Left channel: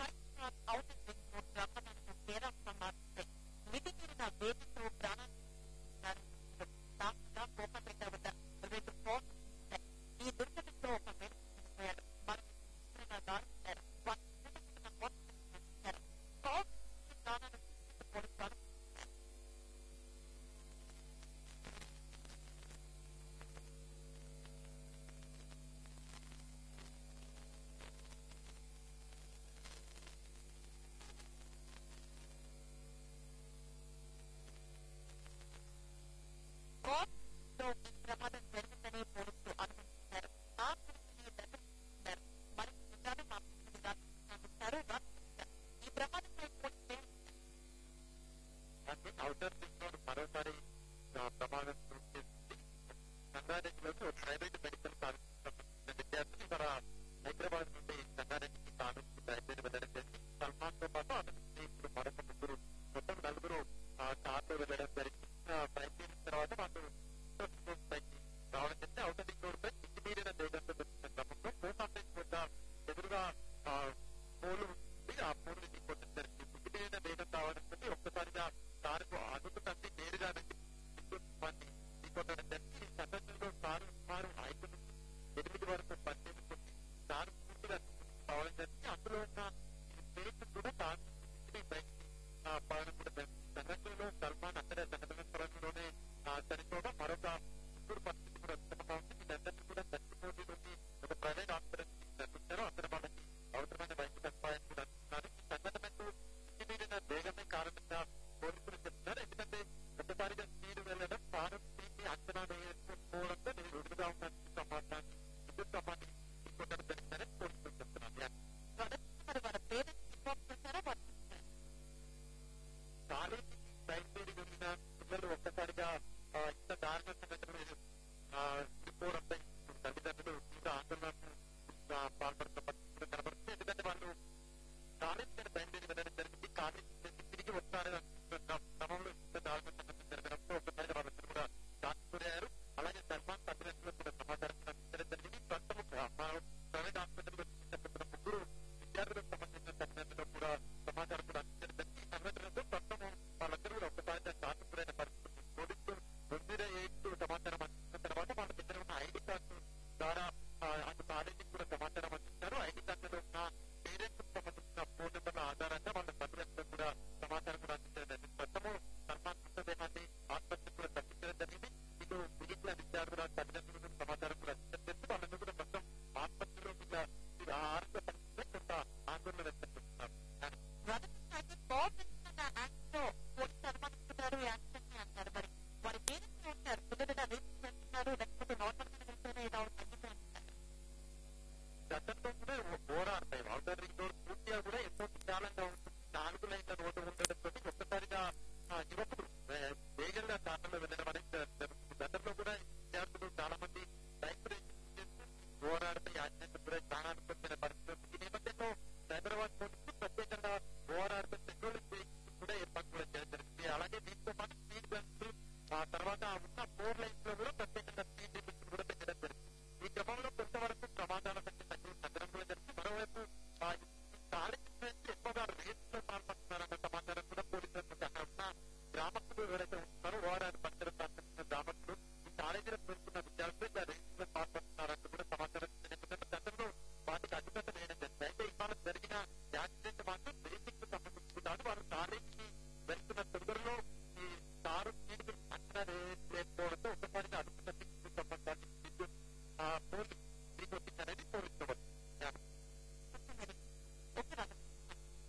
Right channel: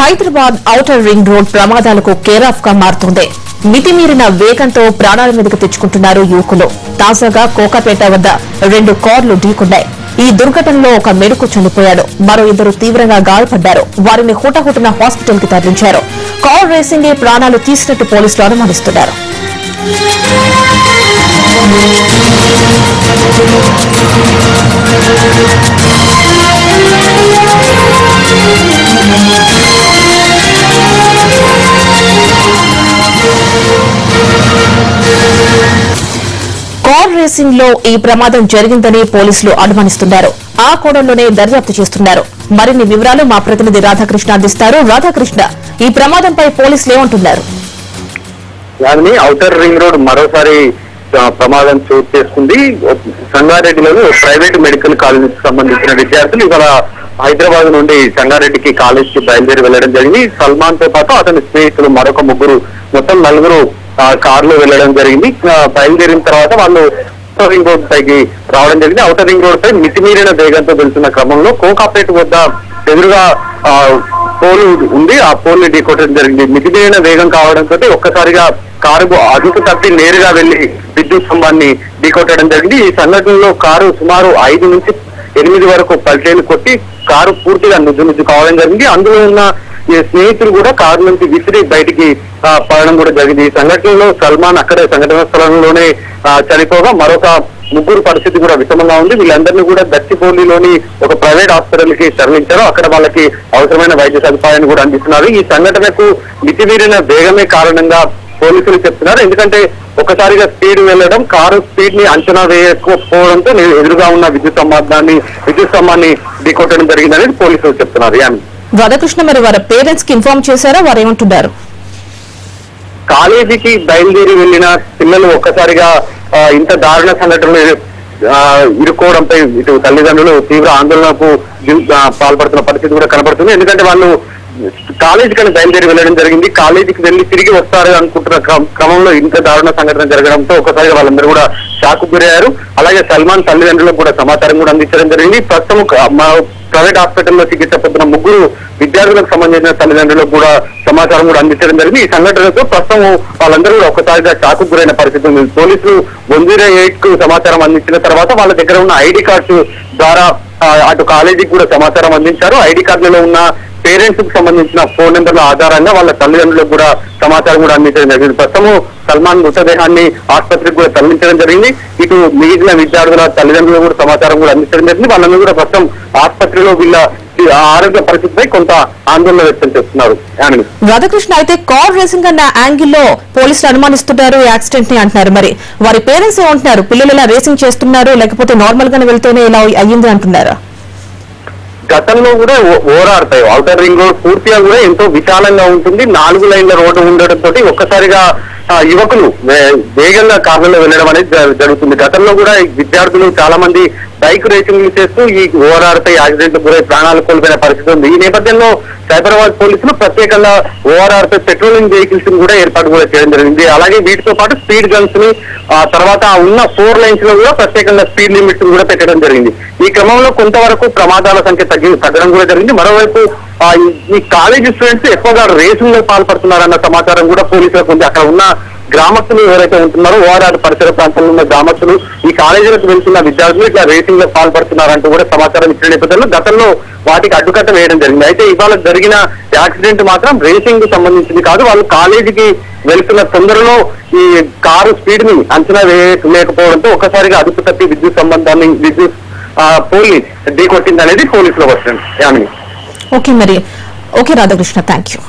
Hyderabad outer ring road ప్రమాదాలకు care of గా మారుతోంది. మితిమీరిన వేగంతో ప్రాణాల మీదకు తెచ్చుకుంటున్నారు యువకులు. తాజాగా కోకాపేట వద్ద 2 కార్లు ఢీకొన్నాయి. ఈ దుర్ఘటనలో ఒక మెడుకు చనిపోయాడు. మరో 2 తీవ్రంగా గాయపడ్డారు. వారిని హుటాహుటిన హాస్పిటల్ కి తరలించారు. కార్ రేసింగే ప్రాణాలు తీసినట్టు పోలీసులు అనుమానిస్తున్నారు. కార్ రేసింగ్ లో ఈ ప్రమాదం జరిగిందని పోలీసులు అనుమానిస్తున్నారు. ఆ కోణంలోనే దర్యాప్తు చేస్తున్నారు. మరిన్ని వివరాలు మా ప్రతినిధి రాధాకృష్ణ అందిస్తారు. రాధాకృష్ణ, ఈ ప్రమాదంపై పోలీసులు ఏమంటున్నారు? ఔటర్ రింగ్ రోడ్ మరోసారి ప్రమాదం చోటు చేసుకుంది. సంగారెడ్డిలోని ప్రైవేట్ మెడికల్ కాలేజీకి సంబంధించిన విద్యార్థులు ఇవాళ హైదరాబాద్ నుండి సంగారెడ్డికి కాలేజ్ కి బయలుదేరి వెళ్లడం జరిగింది. సల్మాన్ తో పాటు అతని స్నేహితులు మరొక 3 మొత్తం 4 కార్లో వెళ్లడం జరిగింది. బయలుదేరిన తర్వాత వాళ్ళు ఔటర్ రింగ్ రోడ్ పైకి రావడం జరిగింది. ఔటర్ రింగ్ రోడ్ పై మితిమీరిన వేగంతో వెళ్తున్న క్రమంలో కోకాపేట వద్ద ఎదురుగా పోల్ ఉంది. ఆ పోల్ ని ఢీకొట్టడం జరిగింది. మితిమీరిన వేగం కావడంతో ఒక్కసారిగా కారు అదుపు తప్పి నేరుగా వెళ్లి విద్యుత్ స్తంభాన్ని ఢీకొట్టడం జరిగింది. ఈ సంఘటనలో కారు సుమారు 5 నుంచి 8 వరకు పల్టీలు కొట్టి కారు పూర్తిగా నుజ్జు కావడం జరిగింది. అందులో ఉన్న ఈ స్నేహితులు కూడా కారు నుంచి విసిరి బయటికి పడడం కూడా జరిగింది. ఈ సంఘటనలో సల్మాన్ అక్కడే సంఘటన స్థలంలోనే చనిపోగా మరొక 3 పరిస్థితి కూడా విషమంగా ఉంది. వీళ్ళందరినీ కూడా దచ్చిపోలిలోని ఒక ప్రైవేట్ హాస్పిటల్ కి తరలించారు. అక్కడ వాళ్ళకి అవసరమైన వైద్య సదుపాయాన్ని కూడా అందిస్తున్నారు. ఈ సంఘటనకు మితిమీరిన వేగమే కారణంగా పోలీసులు చెప్తున్నారు. ఎందుకంటే ఒకసారిగా స్పీడ్ వెళ్లడం, కారు స్పీడ్ ని అంచనా వేయకపోవడంతో ఎదురుగా ఉన్న విద్యుత్ స్తంభాన్ని ఢీకొట్టడం జరిగిందనేది పోలీసులు చెప్తున్నారు. రాధాకృష్ణ, మరి వారి పేరెంట్స్ కి ఇన్ఫార్మ్ చేశారా? వారు ఏమంటున్నారు? కాలేజీకి బయలుదేరి వెళ్లిన పిల్లలు ఒక్కసారిగా ఇంత దారుణ సంఘటనలు ఇరుక్కోవడంపై ఇటు తల్లిదండ్రులు తీవ్ర ఆందోళనకు పాల్పడుతున్న పరిస్థితి కూడా కనబడుతుంది. ఎందుకంటే వాళ్ళు కాలేజీకి బయలుదేరి వెళ్లడం జరిగింది. కాలేజీకి వెళ్లి తిరిగి వస్తారు అనుకుంటున్న క్రమంలో ఇంత దారుణ సంఘటన జరగడంతో ఒకసారిగా వాళ్ళందరూ కూడా షాక్ గురయ్యారు. అలాగే సల్మాన్ తల్లిదండ్రులకు కూడా సమాచారం కూడా అందించడం జరిగింది. ప్రస్తుతం ప్రైవేట్ హాస్పిటల్లో చికిత్స పొందిన 3 విద్యార్థులకు సంబంధించిన తల్లిదండ్రులకు కూడా సమాచారం కూడా అందించడం జరిగింది. ఈ సంఘటనతో ప్రస్తుతం వాళ్ళందరూ కూడా ఒక్కసారిగా షాక్ గురైన పరిస్థితి ఉంది. పోలీసులు 108 కు సమాచారం అందించిన తర్వాత వాళ్ళ దగ్గర ఉన్న ఐడి కార్డ్స్ ద్వారా అటు కాలేజీకి కూడా సమాచారం అందించారు. ఐడి కార్డులలో ఉన్న పేరెంట్స్ కు సంబంధించిన ఫోన్ నెంబర్ల ఆధారంగా వాళ్ళ తల్లిదండ్రులకు కూడా సమాచారం కూడా అందించడం జరిగింది. ప్రస్తుతం సల్మాన్ మృతదేహాన్ని ఆసుపత్రికి కూడా తరలించడం జరిగింది. ఇటు మిగిలిన విద్యార్థుల తల్లిదండ్రులకు కూడా సమాచారం కూడా అందించడం జరిగింది. వాళ్ళందరూ కూడా ప్రస్తుతం ఆసుపత్రిలో వీళ్ళ ఆరోగ్య పరిస్థితిపై కొంత ఆందోళన వ్యక్తం చేస్తున్నారు. రాధాకృష్ణ, అయితే కార్ రేసింగ్ అన్న యాంగిల్లో పోలీసులు అనుమానిస్తున్నారు యాక్సిడెంట్ ని అంటున్నారు. మరి వారి పేరెంట్స్ ఏమంటున్నారు? పిల్లలు ఇలా రేసింగ్ చేస్తున్నారు, లేకపోతే నార్మల్ గానే వెళ్తేనే ఇలా అయ్యింది అంటున్నారా? గతంలో కూడా ఓరాడతాయి. ఔటర్ రింగ్ రోడ్ పూర్తిగా కూడా ఎంతో విశాలంగా ఉంటుంది. 4 లైన్ల రోడ్డు ఉండడంతో ఒక్కసారిగా యువకులు వేగంగా కార్లలో వెళ్ళడం అనేది జరుగుతుంది. గతంలో కూడా విద్యార్థులు చాలా మంది బైక్ రేసింగ్ చేస్తూ ఈ ఓఆర్ఆర్పై యాక్సిడెంట్ గురై ప్రాణాలు కోల్పోయిన పరిస్థితి ఉంది. ఈ నేపథ్యంలో సైబరాబాద్ పోలీసులు ప్రత్యేకంగా ఓఆర్ఆర్పై పెట్రోలింగ్ వెహికల్స్ కూడా ఏర్పాటు కూడా చేయడం జరిగింది. అలాగే వీటితో పాటు స్పీడ్ గన్స్ ని తర్వాత ఉన్న 4 లైన్స్ లో కూడా ప్రత్యేకంగా స్పీడ్ లిమిట్స్ కూడా పెట్టడం జరిగింది. ఈ క్రమంలో కొంతవరకు ప్రమాదాల సంఖ్య తగ్గడం కూడా జరిగింది. మరోవైపు ఈ కాలేజీ స్టూడెంట్స్ ఎక్కువగా రేసింగ్ లో పాల్పడుతున్నారన్న సమాచారం కూడా పోలీసులకు ఉంది. అక్కడ ఉన్న గ్రామస్తులు ఎవరైతే ఉంటున్నారో ఓఆర్ఆర్ పరిసర ప్రాంతంలో ఉన్న గ్రామస్తులు ఈ కాలేజీలకు వెళ్తున్న విద్యార్థులు ఇట్లా రేసింగ్ లో పాల్పడుతున్నారంటూ కూడా సమాచారం ఇచ్చిన నేపథ్యంలో గతంలో వాటికి అడ్డుకట్ట వేయడం జరిగింది. అయితే ఇవాళ జరిగిన యాక్సిడెంట్ మాత్రం రేసింగ్ కు సంబంధించింది కాదు. వాళ్ళు కాలేజీకి వెళ్తున్న తొందరలో ఈ కారు స్పీడ్ ని అంచనా వేయలేకపోవడంతో ఒక్కసారిగా అదుపు తప్పి విద్యుత్ పోల్ ఢీకొట్టింది అనేది పోలీసుల version. Okay Radhakrishna, thank you.